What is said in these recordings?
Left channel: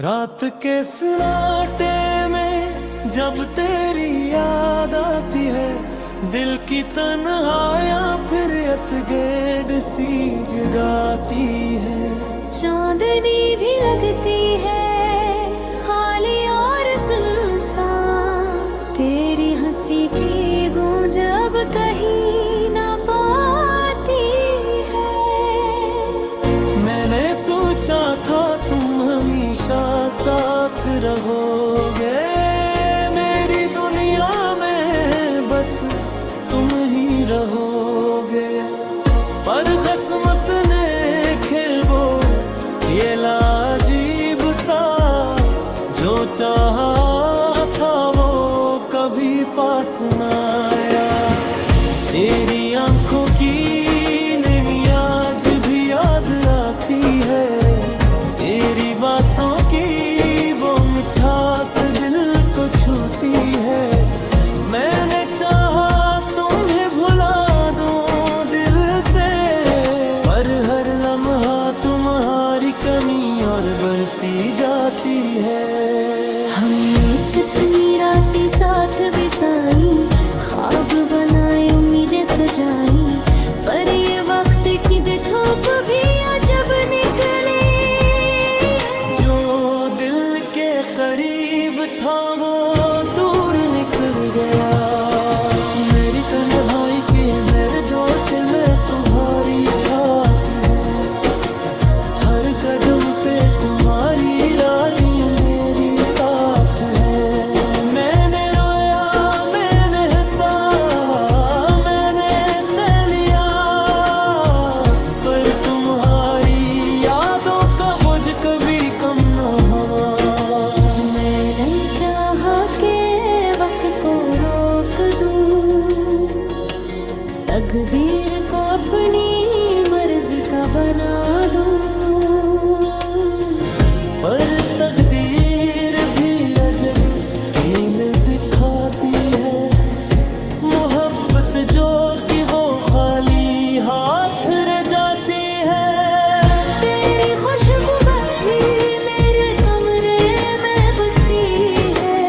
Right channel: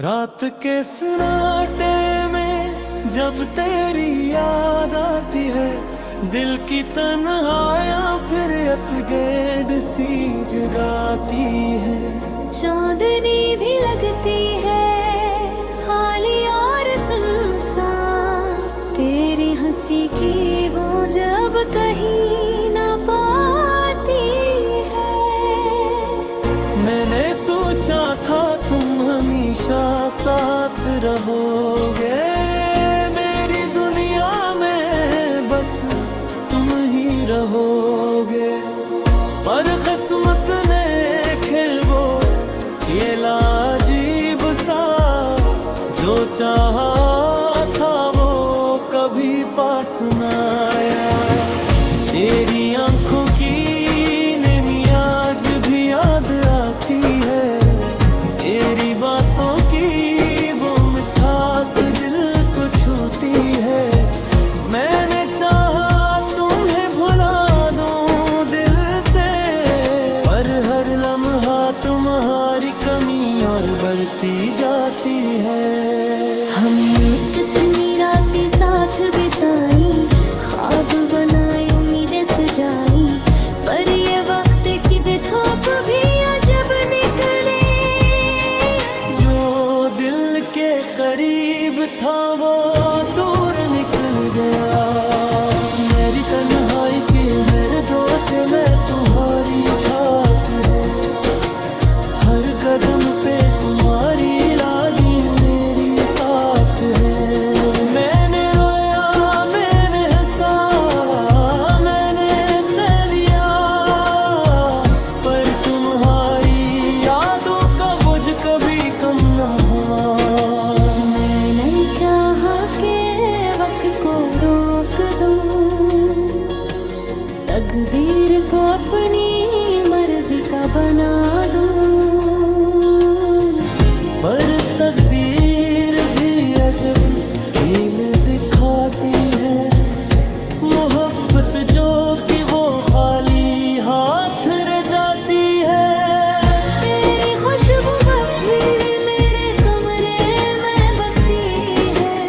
रात के सन्नाटे में जब तेरी याद आती है, दिल की तन्हाइयाँ फिर अतगैड सी जगाती है। चांदनी भी लगती है खाली और सुनसान, तेरी हंसी की गूंज अब कहीं ना पाती है। मैंने सोचा था तुम हमेशा साथ रहोगे, मेरी दुनिया में बस तुम ही रहोगे। पर किस्मत ने खेल खेला अजीब सा, जो चाहा था वो कभी पास न आया। तेरी आंखों की नमी आज भी याद आती है, तेरी बातों की वो मिठास दिल को छूती है। मैंने चाहा तुम्हें भुला दूं दिल से, पर हर लम्हा तुम्हारी कमी और बढ़ती जाती है। हमने कितनी रातें साथ बिताई, ख्वाब बनाए उम्मीदें सजाई, पर ये वक्त की बेथोप भी अजब निकले। जो दिल के करीब था वो दूर निकल गया। मेरी तन्हाई के मेरे दोष में तुम्हारी छाती है, हर कदम पे तुम्हारी यादें मेरी साथ है। मैंने रोया, मैंने हंसा, मैंने सह लिया, पर तुम्हारी यादों का बोझ कभी कम न हुआ। मैंने चाहा के वक्त को रोक दूं, तकदीर को अपनी मर्जी का बना दूं, पर तकदीर भी अजब खेल दिखाती है। मोहब्बत जो कि वो खाली हाथ रह जाती है। तेरी खुशबू अब भी मेरे कमरे में बसी है,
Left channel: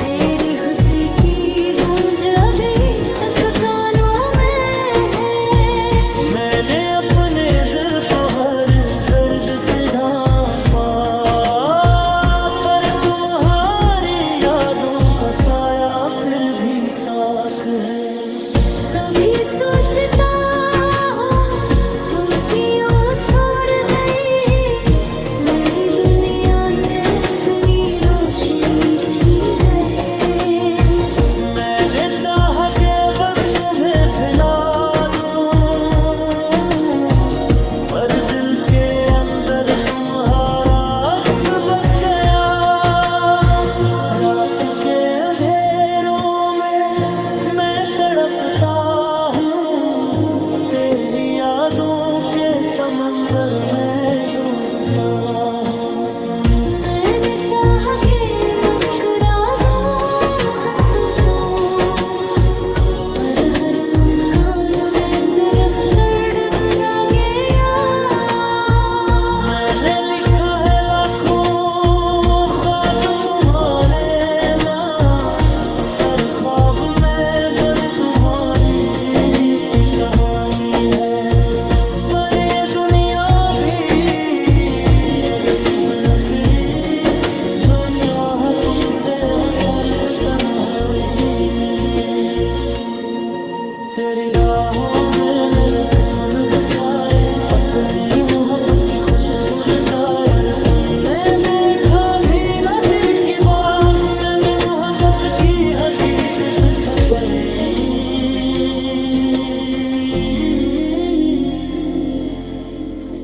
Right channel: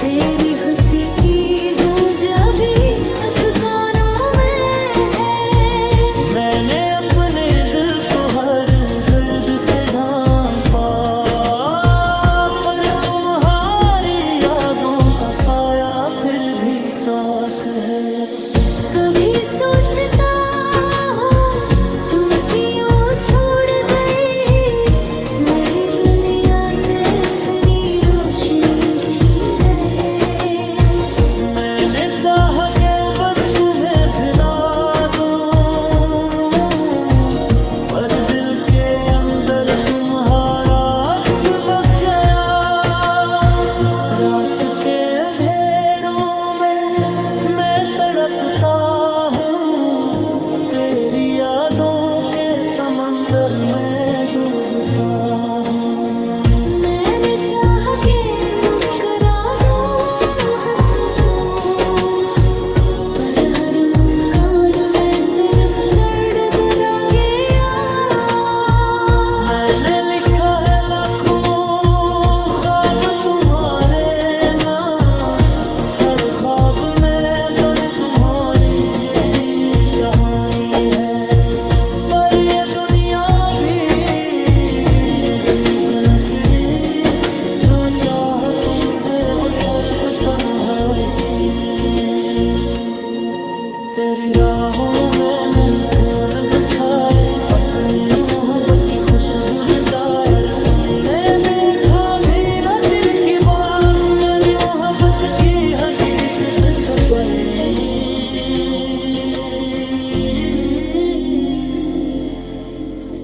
तेरी हंसी की गूंज अभी तक कानों में है। मैंने अपने दिल को हर दर्द से ढांपा, पर तुम्हारी यादों का साया फिर भी साथ है। कभी सोचता हूँ तुम क्यों छोड़ गई, मेरी दुनिया से अपनी रोशनी छीन गए। मैंने चाहा के बस तुम्हें भुला दूं, पर दिल के अंदर तुम्हारा अक्स बस गया। रात के अंधेरों में मैं तड़पता हूँ, तेरी यादों के समंदर में डूबता हूँ। मैंने चाहा के मुस्कुरा दो, हंस दो, पर हर मुस्कान में सिर्फ दर्द रह गया। मैंने लिखा है लाखों ख्वाब तुम्हारे नाम, हर ख्वाब में बस तुम्हारी कहानी है। पर ये दुनिया भी अजीब नकली, जो चाह तुमसे वो सिर्फ तन्हाई मिली। तेरी राहों में मैंने फूल बिछाए, अपनी मोहब्बत की खुशबू लुटाए, पर तुमने देखा भी ना दिल की बात, मेरी मोहब्बत की हकीकत छपाई।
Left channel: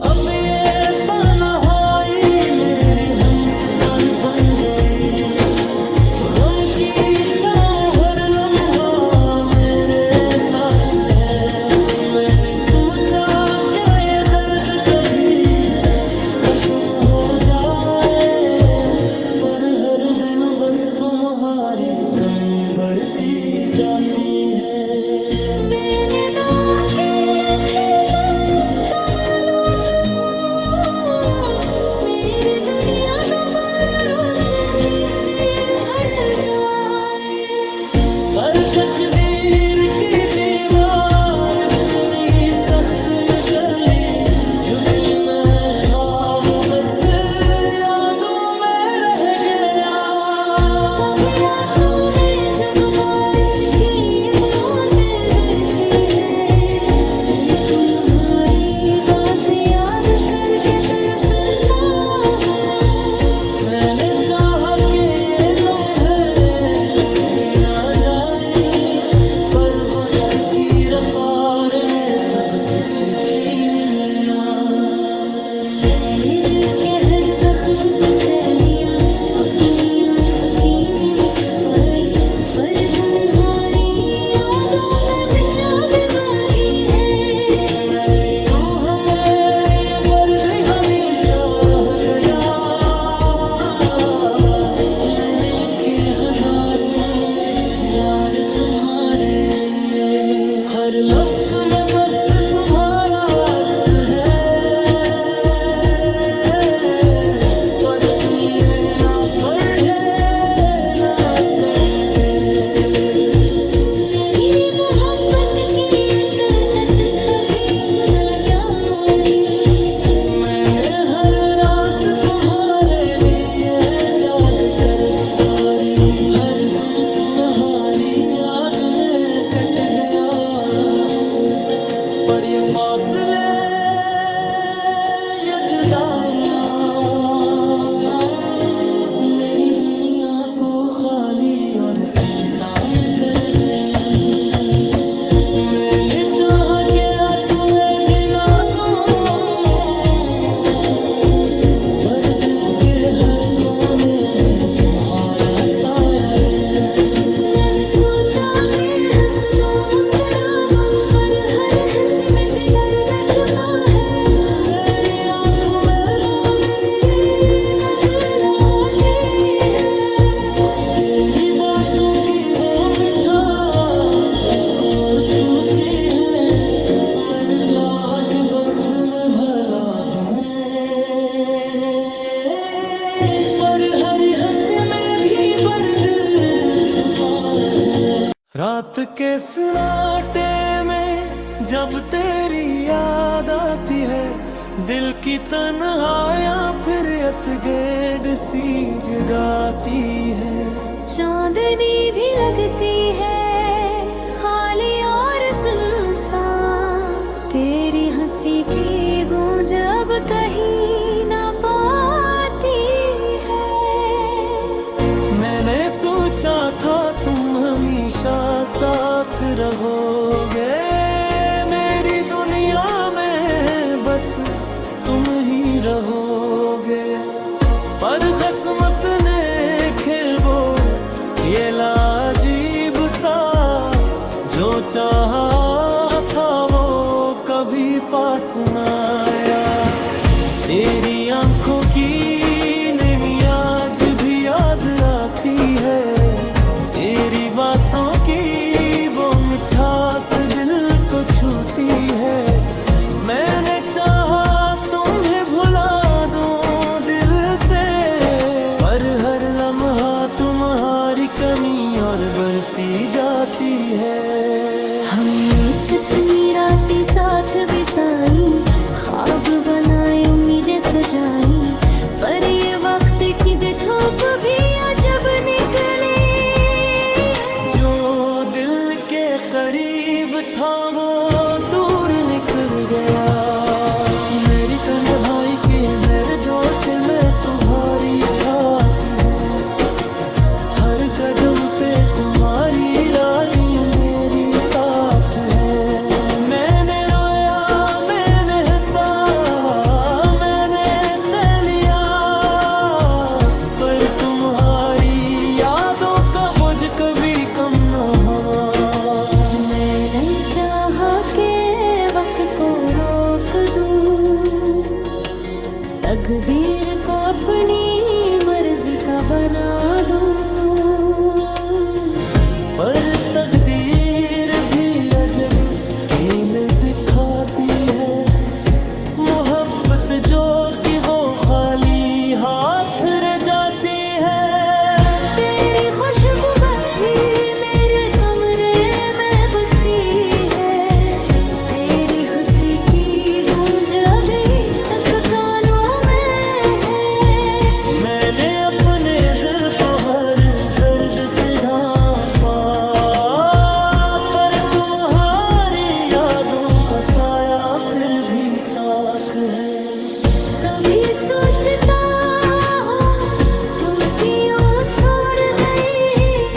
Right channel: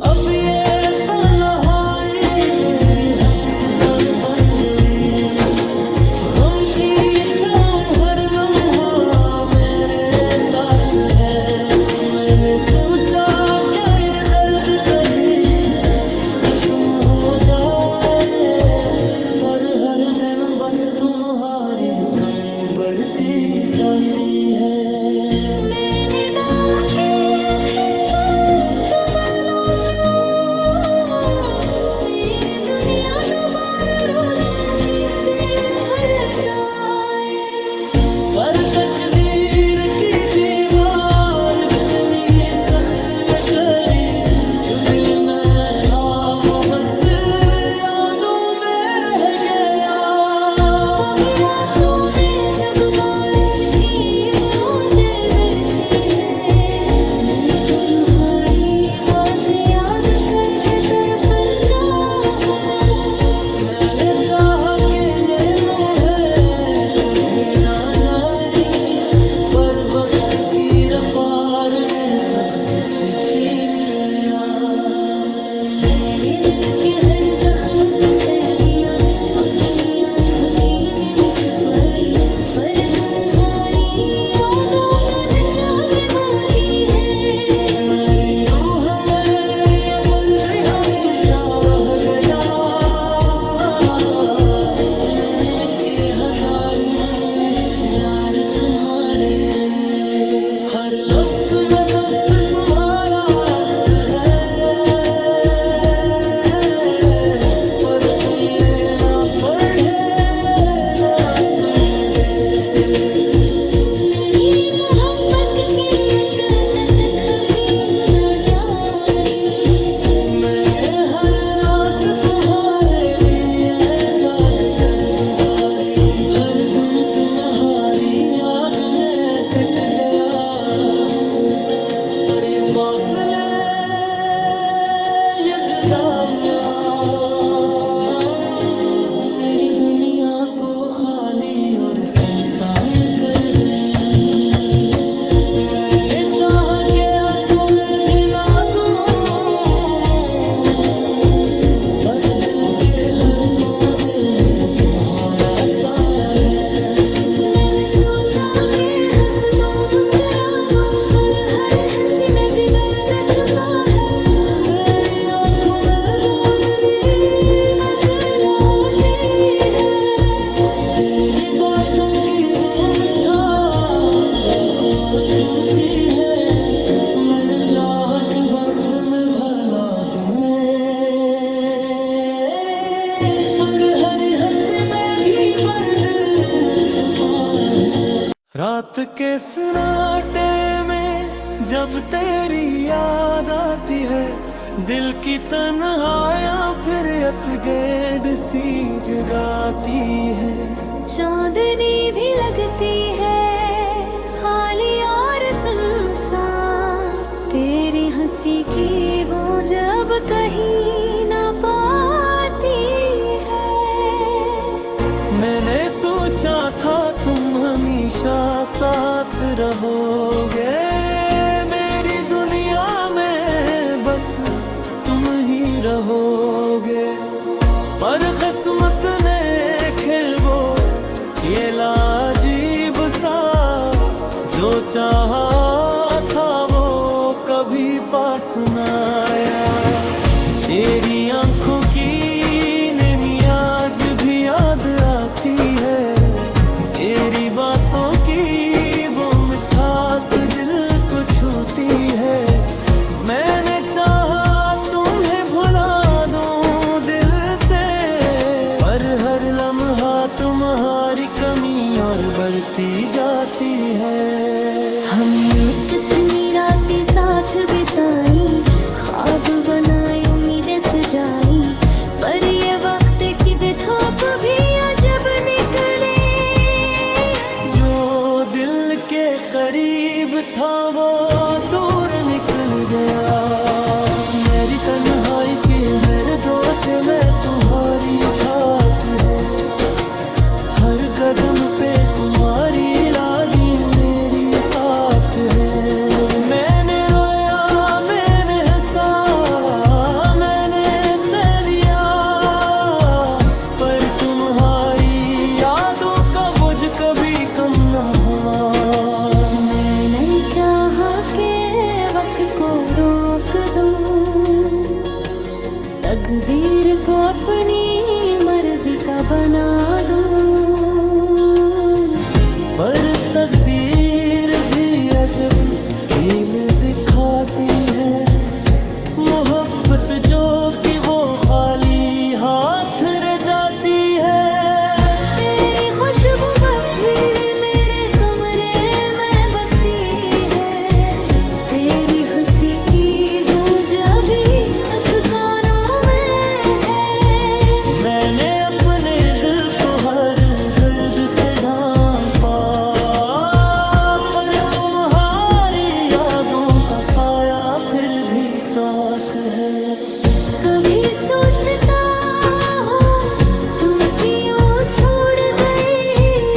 अब ये तन्हाई मेरी हमसफर बन गई, गम की चाहूं हर लम्हा मेरे साथ है। मैंने सोचा क्या ये दर्द कभी खत्म हो जाए, पर हर दिन बस तुम्हारी कमी बढ़ती जाती है। मैंने दुआ की थी पर तुम लौटो, मेरी दुनिया दोबारा पर तकदीर की दीवार इतनी सख्त निकली, जो दिल में था वो बस यादों में रह गया। कभी रातों में जब बारिश की बूंदें गिरती है, मैं तुम्हारी बात याद करके तड़पता हूँ। मैंने चाहा कि ये लम्हे कभी ना जाए, पर वक्त की रफ्तार ने सब कुछ छीन लिया। मैंने दिल के हर जख्म को सह लिया, अपनी आंखों की नींद छुपाई, पर तुम्हारी यादों का नशा भी बाकी है। मेरी रूह मेरी ये पर्द हमेशा रह गया। मैंने लिखे हजारों अशआर तुम्हारे लिए, हर लफ्ज में बस तुम्हारा अक्स है, पर तुमने ना पढ़े ना समझे। मेरी मोहब्बत की अत कभी ना जानी, मैंने हर रात तुम्हारे लिए जाग कर गुजारी, हर दिन तुम्हारी याद में कट गया। पर ये फासले ये जुदाइयां मेरी दुनिया को खाली और सुनसान कर गई। मैंने चाहा क्या तुम्हें भी ना दूं, भर दिल के हर कोने में तुम्हारा साया है। मैंने सोचा कि हंस दो मुस्कुरा दो, पर हर हंसी में भी दर्द छुपा है। तेरी आंखों में दोननी नजर आती है, तेरी बातों की वो मिठास दिल को छूती है। मैंने चाहा कि बस तुम्हें भला दूं, पर हर हंसी में भी दर्द छिपा है। रात के सन्नाटे में जब तेरी याद आती है, दिल की तन्हाइयां फिर अतगैड सी जगाती है। चांदनी भी लगती है खाली और सुनसान, तेरी हंसी की गूंज अब कहीं ना पाती है। मैंने सोचा था तुम हमेशा साथ रहोगे, मेरी दुनिया में बस तुम ही रहोगे। पर किस्मत ने खेल वो खेला अजीब सा, जो चाहा था वो कभी पास न आया। तेरी आंखों की नमी आज भी याद आती है, तेरी बातों की वो मिठास दिल को छूती है। मैंने चाहा तुम्हें भुला दूं दिल से, पर हर लम्हा तुम्हारी कमी और बढ़ती जाती है। हमने कितनी रातें साथ बिताई, ख्वाब बनाए उम्मीदें सजाई, पर ये वक्त की धूप भी अजब निकले। जो दिल के करीब था वो दूर निकल गया। मेरी तन्हाई की मेरे दोष में तुम्हारी छाती है, हर कदम पे तुम्हारी लादी मेरी साथ है। मैंने रोया मैंने हंसा मैंने सह लिया, पर तुम्हारी यादों का बोझ कभी कम न हुआ। मैंने चाहा के वक्त को रोक दूं, तकदीर को अपनी मर्जी का बना दूं, पर तकदीर भी अजब खेल दिखाती है। मोहब्बत जो कि वो खाली हाथ रह जाती है। तेरी खुशबू भी मेरे साथ है। कभी सोचता हूँ तुम क्यों छोड़ गए,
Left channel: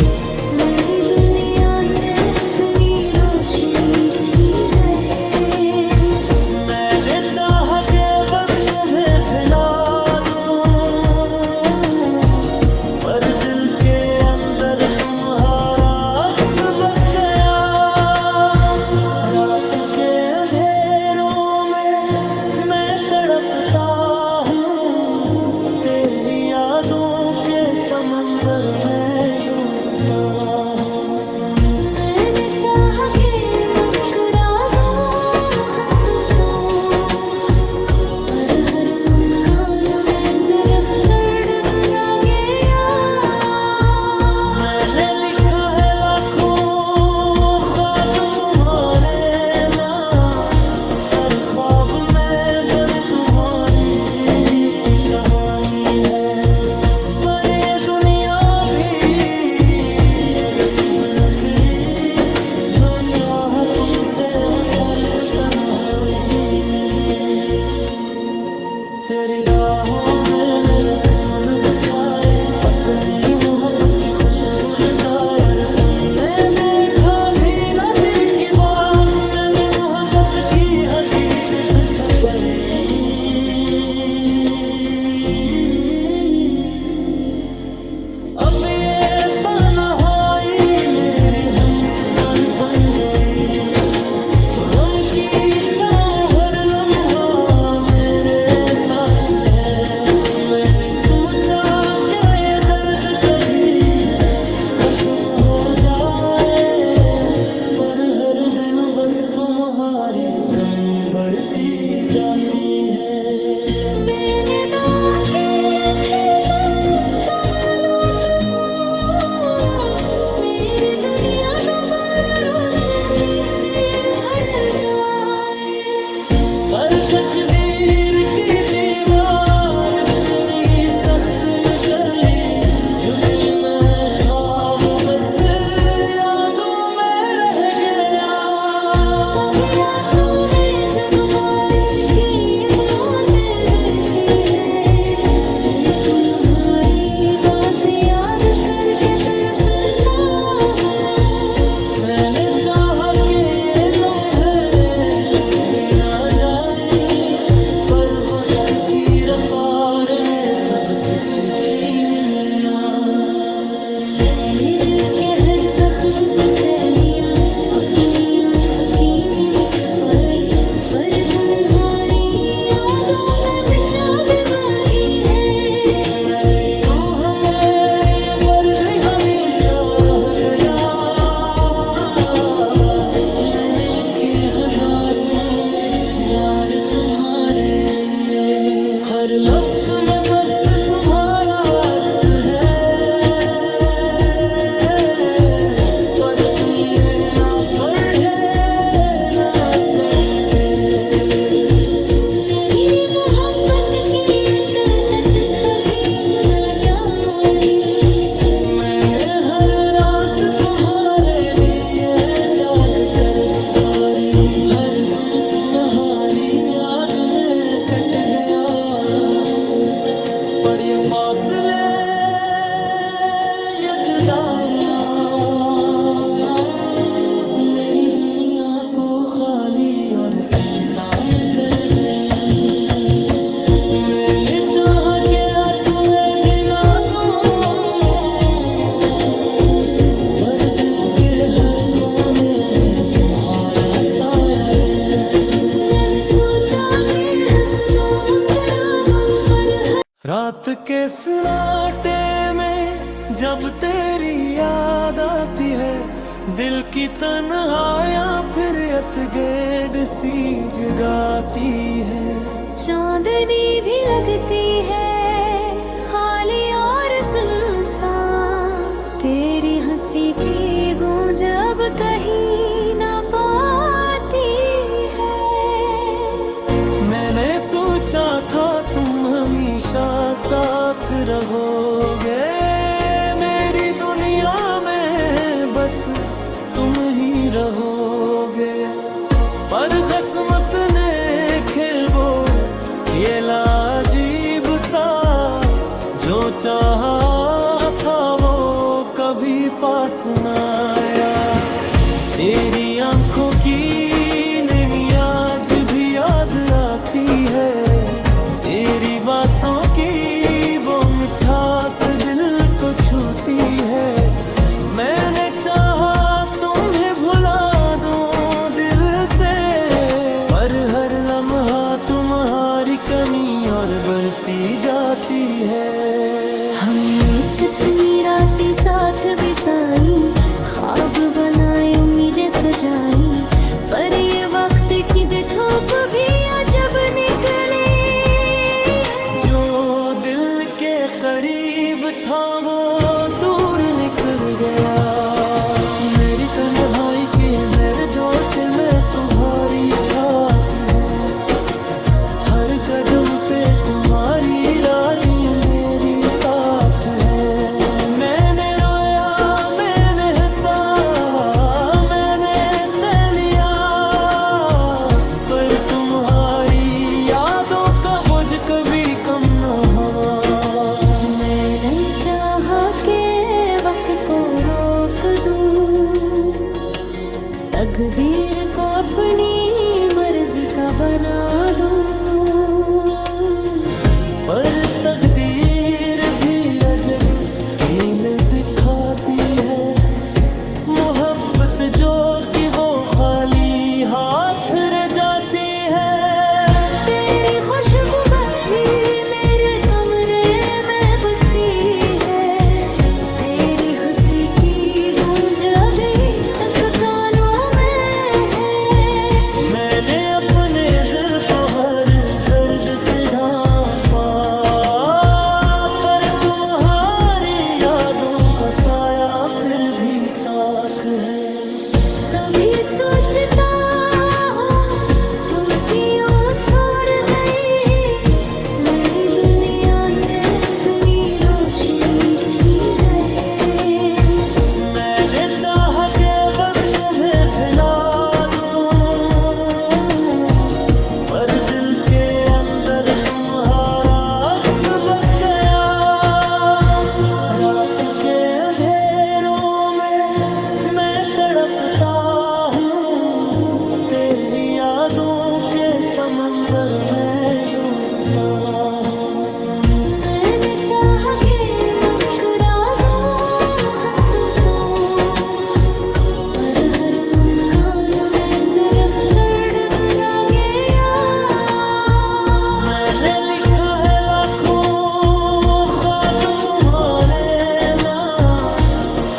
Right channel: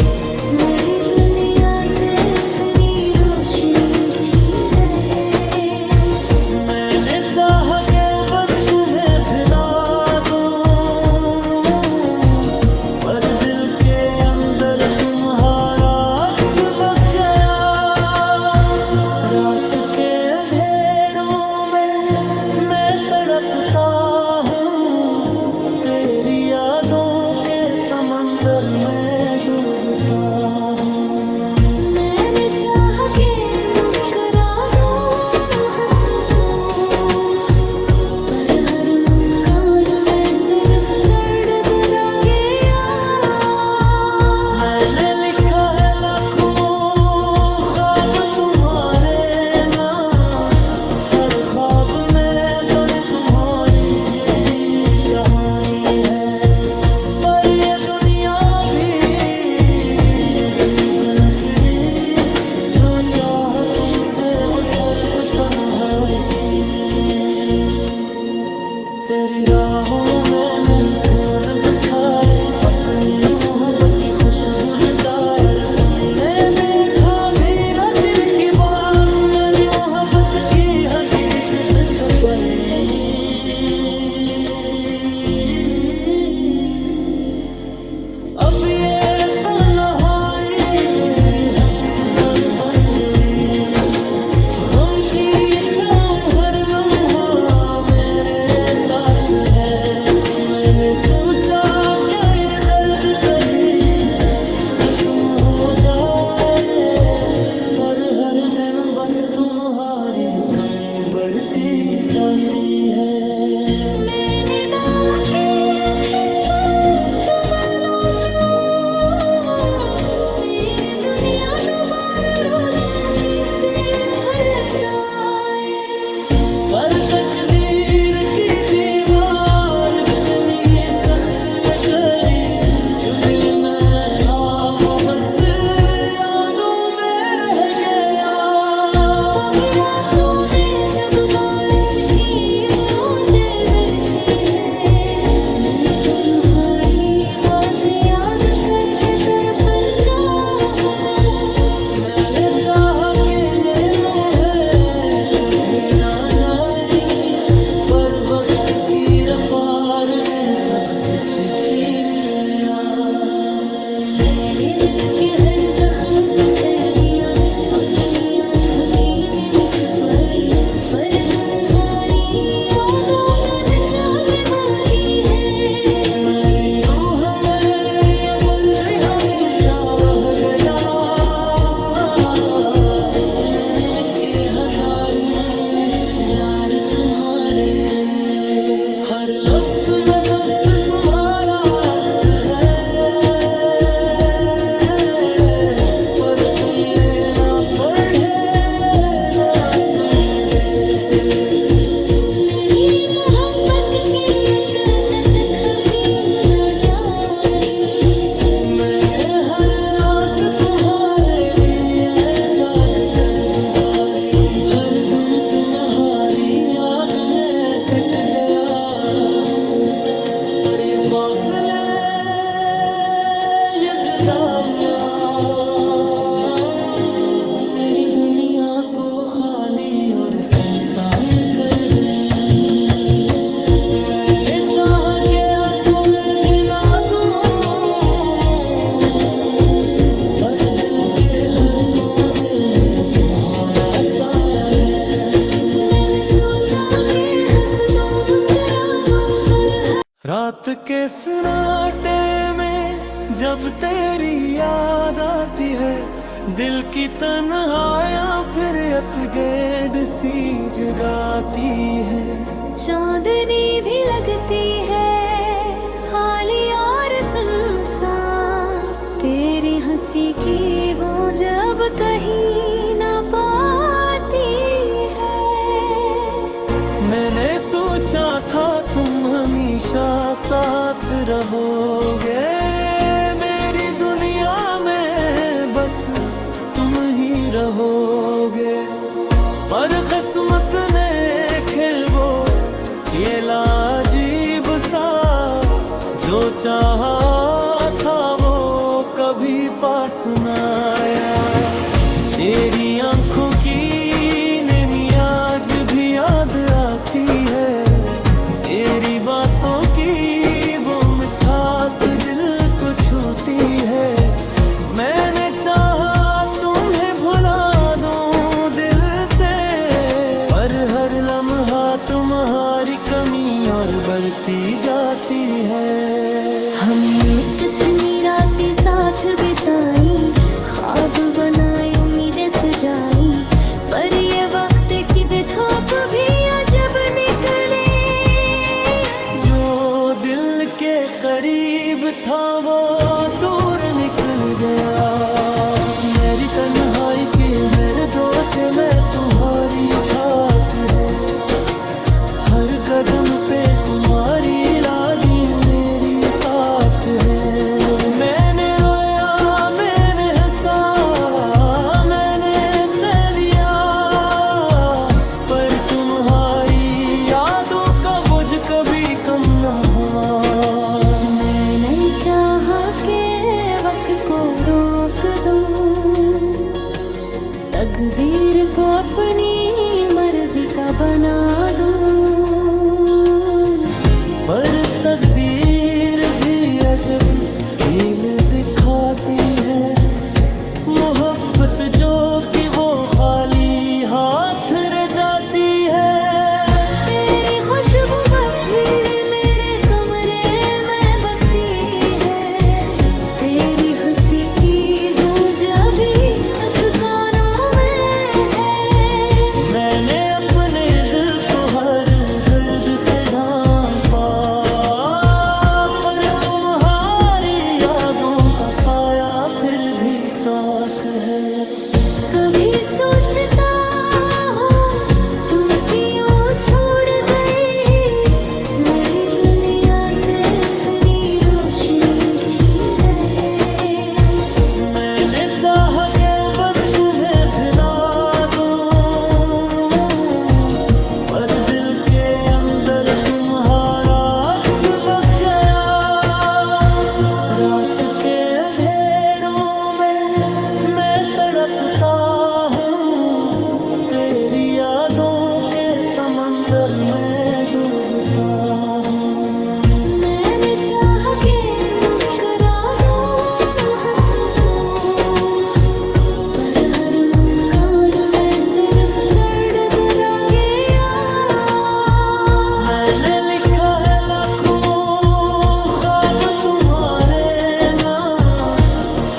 मेरी दुनिया से अपनी रोशनी छीन गए। मैंने चाहा के बस तुम्हें भिला दूं, पर दिल के अंदर तुम्हारा अक्स बस गया। रात के अंधेरों में मैं तड़पता हूँ, तेरी यादों के समंदर में डूबता हूँ। मैंने चाहा के मुस्कुरा दूं, हंस दूं, पर हर मुस्कान में सिर्फ दर्द ला गया। मैंने लिखा है लाखों ख्वाब तुम्हारे नाम, हर ख्वाब में बस तुम्हारी कहानी है। पर ये दुनिया भी अजीब नकली, जो चाहा तुमसे वो सिर्फ तन्हाई मिली। तेरी राहों में मैंने फूल बिछाए, अपनी मोहब्बत की खुशबू लुटाए, पर तुमने देखा भी ना दिल की बात, मेरी मोहब्बत की हकीकत छपाई। अब ये तन्हाई मेरी हमसफर बन गई, गम की चाहूं हर लम्हा मेरे साथ है। मैंने सोचा क्या ये दर्द कभी खत्म हो जाए, पर हर दिन बस तुम्हारी कमी बढ़ती जाती है। मैंने दावा किए थे पर तुम लौट लो, मेरी दुनिया दोबारा रोशनी से भर जाए। पर तकदीर की दीवार इतनी सख्त निकली, जो दिल में था वो बस यादों में रह गया। कभी रातों में जब बारिश की बूंदें बरती है, मैं तुम्हारी बात याद करके तड़पता हूँ। मैंने चाहा कि ये लम्हे कभी ना जाए, पर वक्त की रफ्तार ने सब कुछ छीन लिया। मैंने दिल के हर जख्म को सह लिया, अपनी आंखों की नींद छुपाई, पर तुम्हारी यादों का नशा भी बाकी है। मेरी रूह मेरी ये पर्दे हमेशा रह गया। मैंने लिखे हजारों अशआर तुम्हारे लिए, हर लफ्ज में बस तुम्हारा अक्स है, पर तुमने ना पढ़े ना समझे। मेरी मोहब्बत की अत कभी न जानी, मैंने हर रात तुम्हारे लिए जाग कर गुजारी, हर दिन तुम्हारी याद में कट गया। पर ये फासले ये जुदाइयां मेरी दुनिया को खाली और सुनसान कर गई। मैंने चाहा क्या तुम्हें भी ना दूं, भर दिल के हर कोने में तुम्हारा साया है। मैंने सोचा कि हंस दो मुस्कुरा दो, पर रात के सन्नाटे में जब तेरी याद आती है, दिल की तन्हाइयां फिर अतगैड सी जगाती है। चांदनी भी लगती है खाली और सुनसान, तेरी हंसी की गूंज अब कहीं ना पाती है। मैंने सोचा था तुम हमेशा साथ रहोगे, मेरी दुनिया में बस तुम ही रहोगे। पर किस्मत ने खेल वो ये लाजीब सा जो चाहा था वो कभी पास न आया। तेरी आंखों की नमी आज भी याद आती है, तेरी बातों की वो मिठास दिल को छूती है। मैंने चाहा तुम्हें भुला दूं दिल से, पर हर लम्हा तुम्हारी कमी और बढ़ती जाती है। हमने कितनी रातें साथ बिताई, ख्वाब बनाए उम्मीदें सजाई, पर ये वक्त की बेथोप भी अजब निकले। जो दिल के करीब था वो दूर निकल गया। मेरी तन्हाई की मेरे दोष में तुम्हारी छाती है, हर कदम पे तुम्हारी लादी मेरी साथ है। मैंने रोया, मैंने हंसा, मैंने सह लिया, पर तुम्हारी यादों का बोझ कभी कम न हुआ। मैंने चाहा के वक्त को रोक दूं, तकदीर को अपनी मर्जी का बना दूं, पर तकदीर भी अजब खेल दिखाती है। मोहब्बत जो कि वो खाली हाथ रह जाती है। तेरी खुशबू भी मेरे कमरे में बसी है, तेरी हंसी की गूंज अभी तक कानों में है। मैंने अपने दिल को हर दर्द से ढांपा, पर तुम्हारी यादों का साया फिर भी साथ है। कभी सोचता हूँ तुम क्यों छोड़ गई, मेरी दुनिया से अपनी रोशनी छीन गए। मैंने चाहा के बस तुम्हें भिला दूं, पर दिल के अंदर तुम्हारा अक्स बस गया। रात के अंधेरों में मैं तड़पता हूँ, तेरी यादों के समंदर में डूबता हूँ। मैंने चाहा के मुस्कुरा दो, हंस दो, पर हर मुस्कान में सिर्फ दर्द रह गया। मैंने लिखा है लाखों ख्वाब तुम्हारे नाम,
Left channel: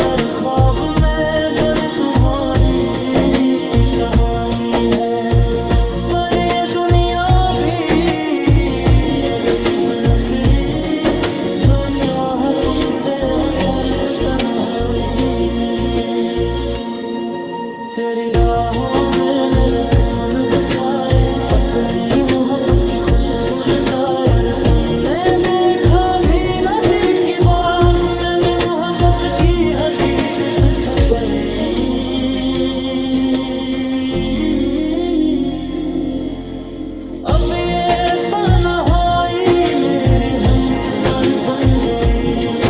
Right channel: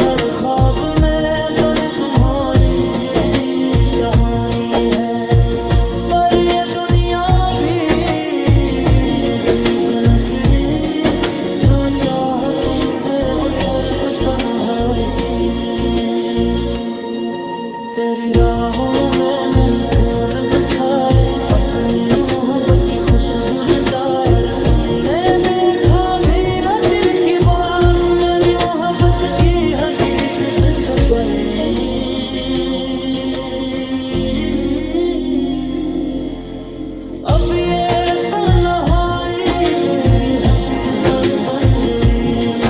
हर ख्वाब में बस तुम्हारी कहानी है। पर ये दुनिया भी अजीब नकली, जो चाह तुमसे वो सिर्फ तन्हाई मिली। तेरी राहों में मैंने फूल बिछाए, अपनी मोहब्बत की खुशबू लुटाए, पर तुमने देखा भी न दिल की बात, मेरी मोहब्बत की हकीकत छपाई। अब ये तन्हाई मेरी हमसफर बन गई,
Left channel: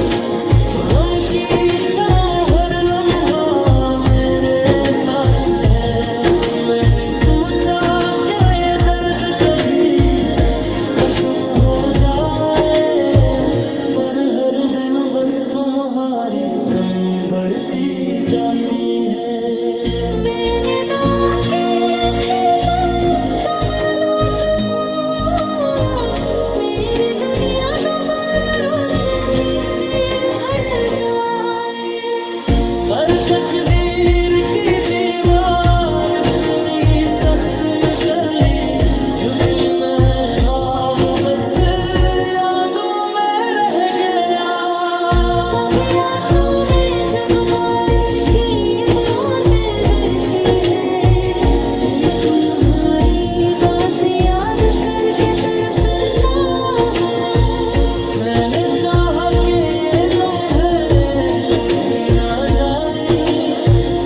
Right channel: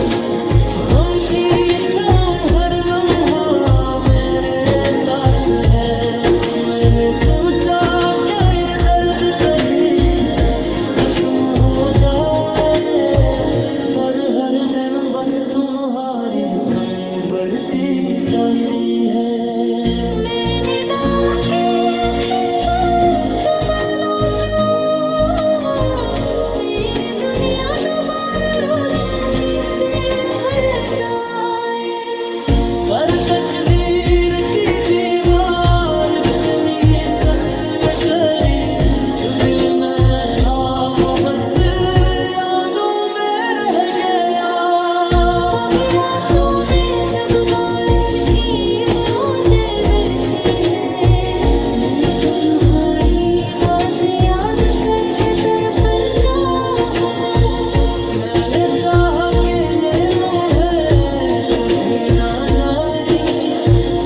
गम की चाहूं हर लम्हा मेरे साथ है। मैंने सोचा क्या ये दर्द कभी खत्म हो जाए, पर हर दिन बस तुम्हारी कमी बढ़ती जाती है। मैंने दुआ की थी तुम लौटो, मेरी दुनिया दोबारा रोशनी से भर जाए, पर तकदीर की दीवार इतनी सख्त निकली, जो दिल में था वो बस यादों में रह गया। कभी रातों में जब बारिश की बूंदें बरती है, मैं तुम्हारी बात याद करके तड़पता हूँ। मैंने चाहा कि ये लम्हे कभी ना जाए,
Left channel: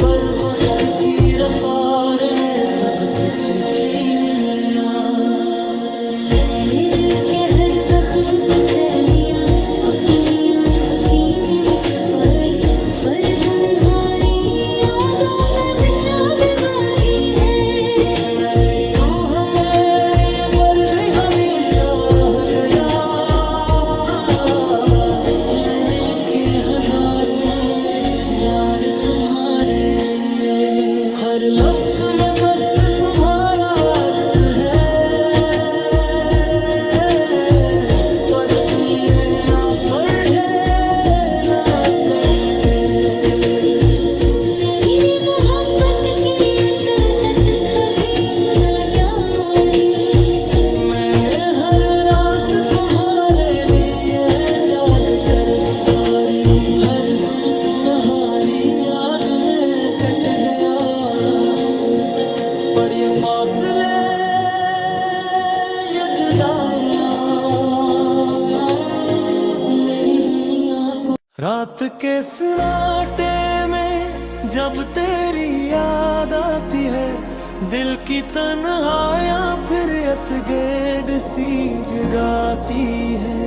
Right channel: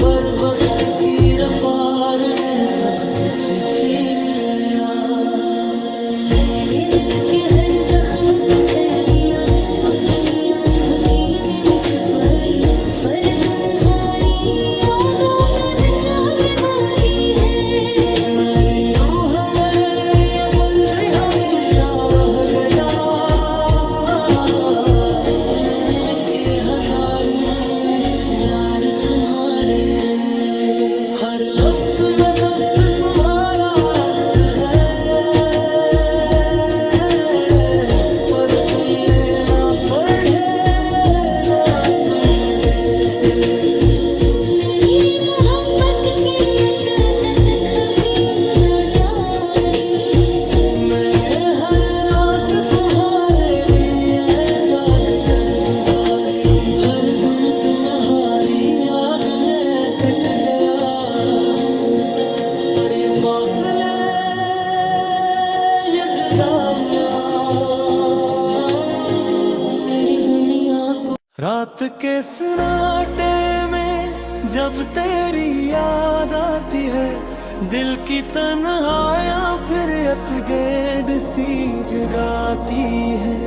पर वक्त की रफ्तार ने सब कुछ छीन लिया। मैंने मैंने दिल के हर जख्म को सह लिया, अपनी आंखों की नींद छुपाई, पर तुम्हारी यादों का नशा भी बाकी है। मेरी रूह मेरी ये पर्दे हमेशा रह गया, मैंने लिखे हजारों अशआर तुम्हारे लिए, हर लफ्ज में बस तुम्हारा अक्स है, पर तुमने ना पढ़े ना समझे। मेरी मोहब्बत की अत कभी ना जानी, मैंने हर रात तुम्हारे लिए जाग कर गुजारी, हर दिन तुम्हारी याद में कट गया, पर ये फासले ये जुदाइयां मेरी दुनिया को। रात के सन्नाटे में जब तेरी याद आती है, दिल की तन्हाइयां फिर अतगेड़ सी जगाती है।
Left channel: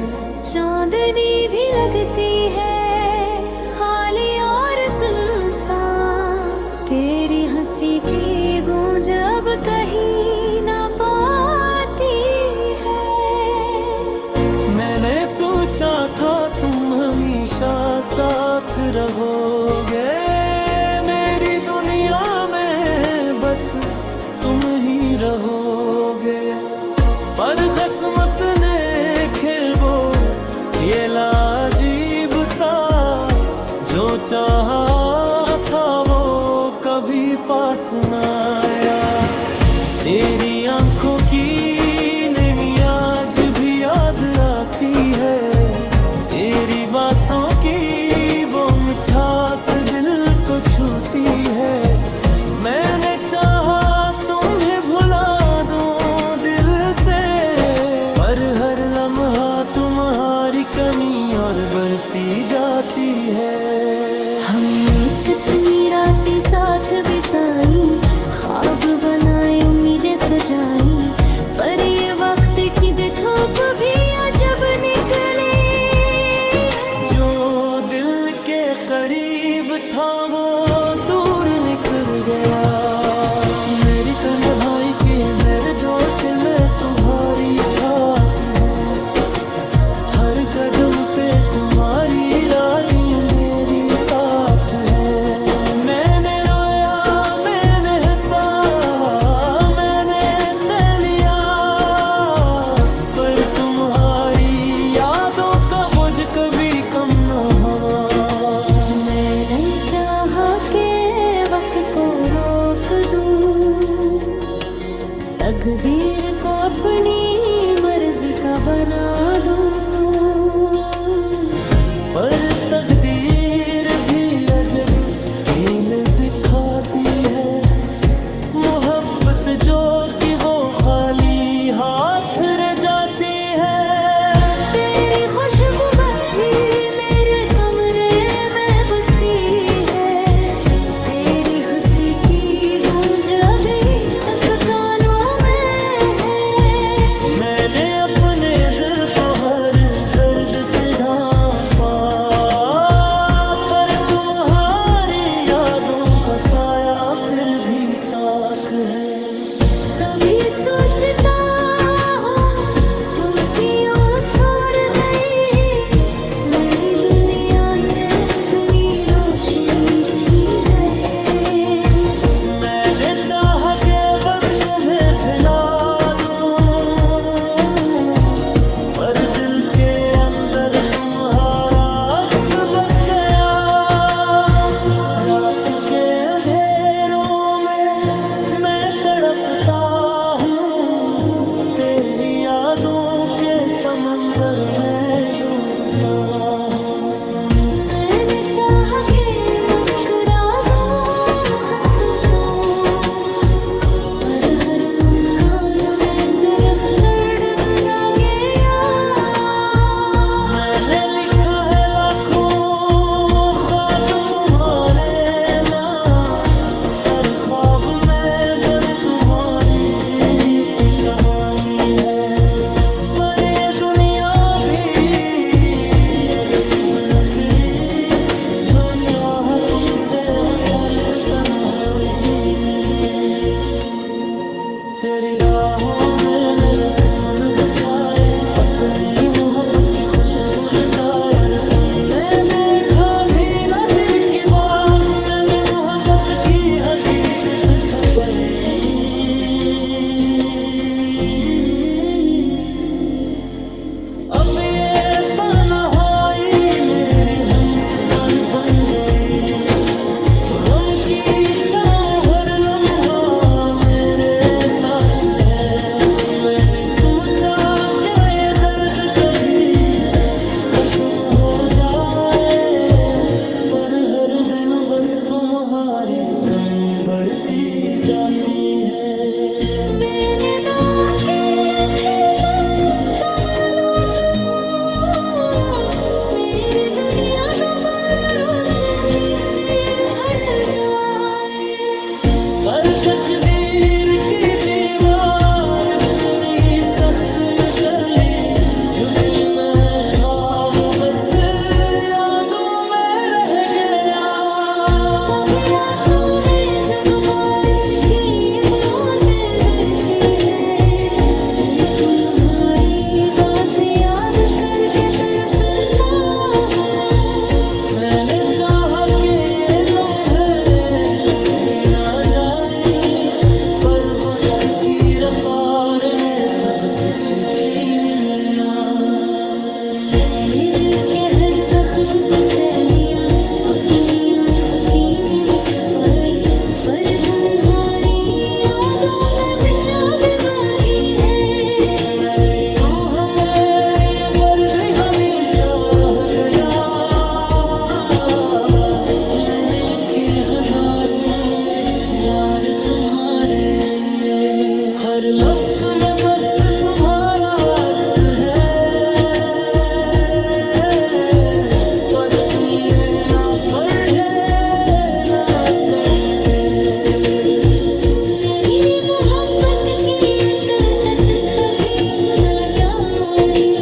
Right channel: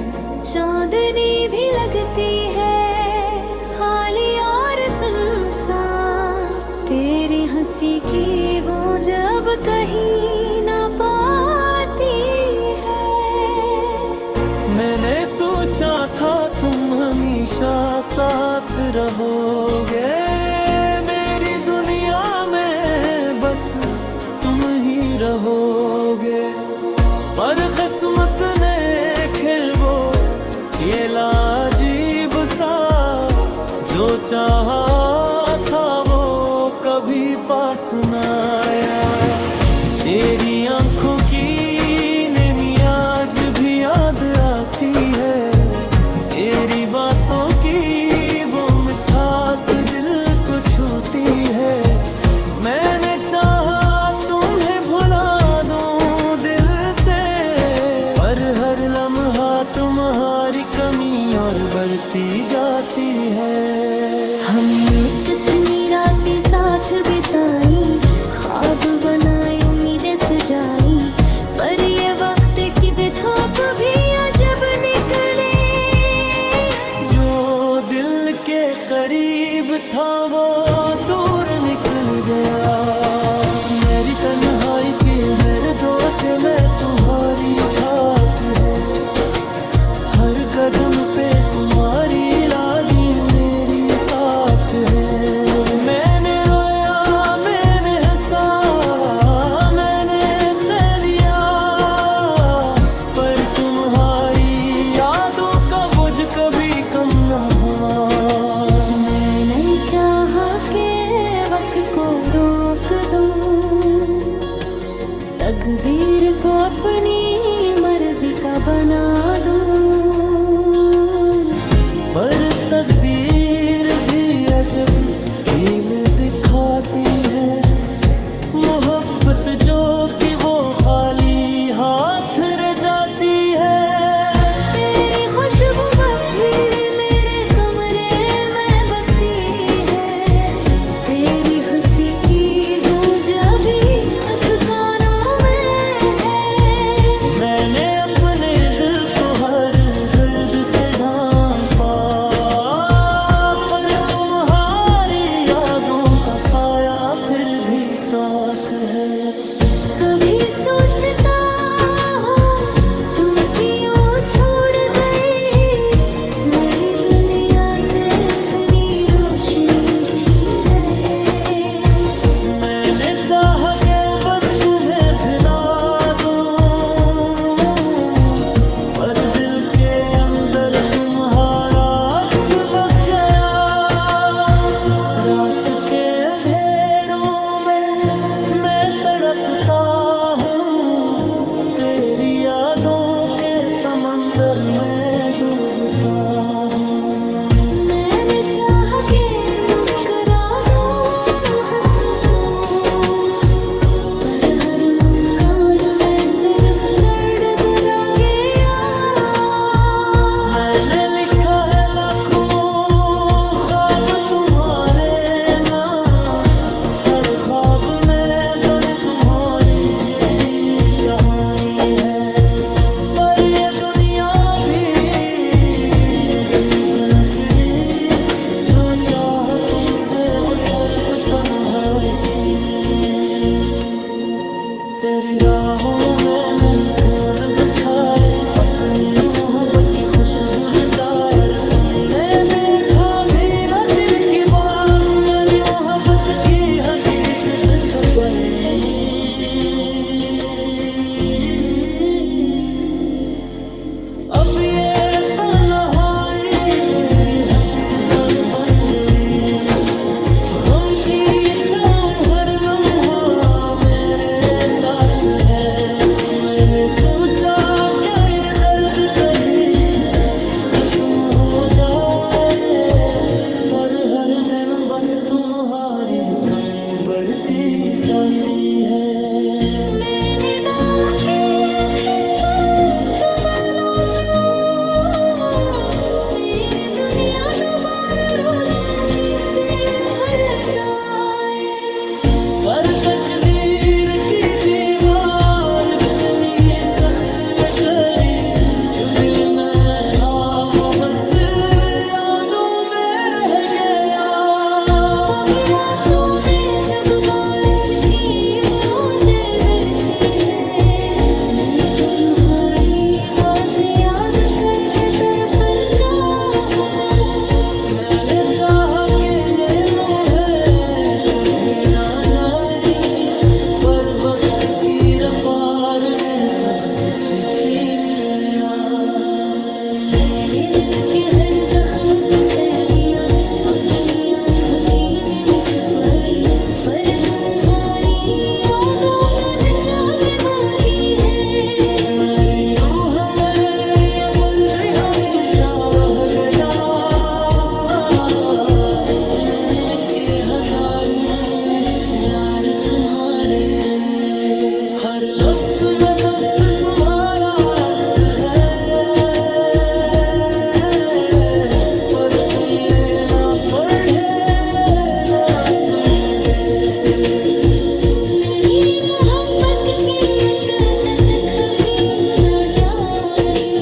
चांदनी भी लगती है खाली और सुनसान, तेरी हंसी की गूंज अब कहीं ना पाती है। मैंने सोचा था तुम हमेशा साथ रहोगे, मेरी दुनिया में बस तुम ही रहोगे, पर किस्मत ने खेल ये लाजीब सा, जो चाहा था वो कभी पास न आया। तेरी आंखों की नमी आज भी याद आती है, तेरी बातों की वो मिठास दिल को छूती है। मैंने चाहा तुम्हें भुला दूं दिल से, पर हर लम्हा तुम्हारी कमी और बढ़ती जाती है। हमने कितनी रातें साथ बिताई, ख्वाब बनाए उम्मीदें सजाई, पर ये वक्त की धूप भी जब निकले, जो दिल के करीब था वो दूर निकल गया। मेरी तन्हाई के मेरे दोष में तुम्हारी छाप है, हर कदम पे तुम्हारी यादें मेरी साथ है। मैंने रोया मैंने हंसा मैंने सह लिया, पर तुम्हारी यादों का बोझ कभी कम न हुआ। मैंने चाहा के वक्त को रोक दूं, तकदीर को अपनी मर्जी का बना दूं, पर तकदीर भी अजब खेल दिखाती है। मोहब्बत जो कि वो खाली हाथ रह जाती है। तेरी खुशबू भी मेरे कमरे में बसी है, तेरी हंसी की गूंज अभी तक कानों में है। मैंने अपने दिल को हर दर्द से ढांपा, पर तुम्हारी यादों का साया फिर भी साथ है। कभी सोचता हूँ तुम क्यों छोड़ गई, मेरी दुनिया से अपनी रोशनी छीन गए। मैंने चाहा के बस तुम्हें भिला दूं, पर दिल के अंदर तुम्हारा अक्स बस गया। रात के अंधेरों में मैं तड़पता हूँ, तेरी यादों के समंदर में डूबता हूँ। मैंने चाहा के मुस्कुरा दो हंस दो, पर हर मुस्कान में सिर्फ दर्द रह गया। मैंने लिखा है लाखों ख्वाब तुम्हारे नाम, हर ख्वाब में बस तुम्हारी कहानी है, अजीब नकली, जो चाहा तुमसे वो सिर्फ तन्हाई मिली। तेरी राहों में मैंने फूल बिछाए, अपनी मोहब्बत की खुशबू लुटाए, पर तुमने देखा भी ना दिल की बात, मेरी मोहब्बत की हकीकत छपाई। अब ये तन्हाई मेरी हमसफर बन गई, गम की चाहूं हर लम्हा मेरे साथ है। मैंने सोचा क्या ये दर्द कभी खत्म हो जाए, पर हर दिन बस तुम्हारी कमी बढ़ती जाती है। मैंने दागे थे पर तुम लौटो, मेरी दुनिया दोबारा रोशनी से भर जाए। पर तकदीर की दीवार इतनी सख्त निकली, जो दिल में था वो बस यादों में रह गया। कभी रातों में जब बारिश की बूंदें गिरती है, मैं तुम्हारी बात याद करके तड़पता हूँ। मैंने चाहा कि ये लम्हे कभी ना जाए, पर वक्त की रफ्तार ने सब कुछ छीन लिया। मैंने दिल के हर जख्म को सह लिया, अपनी आंखों की नींद छुपाई, पर तुम्हारी यादों का नशा भी बाकी है। मेरी रूह मेरी ये पर्दे हमेशा रह गया। मैंने लिखे हजारों अशआर तुम्हारे लिए, हर लफ्ज में बस तुम्हारा अक्स है, पर तुमने ना पढ़े ना समझे। मेरी मोहब्बत की अत कभी ना जानी,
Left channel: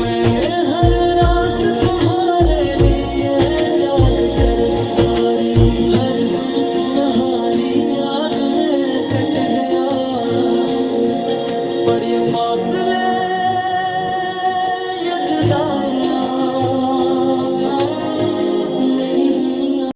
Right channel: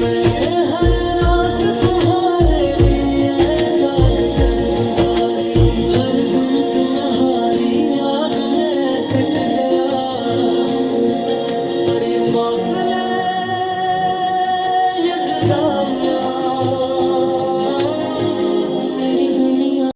मैंने हर रात तुम्हारे लिए जाग कर गुजारी, हर दिन तुम्हारी याद में कट गया। पर ये फासले ये जुदाइयाँ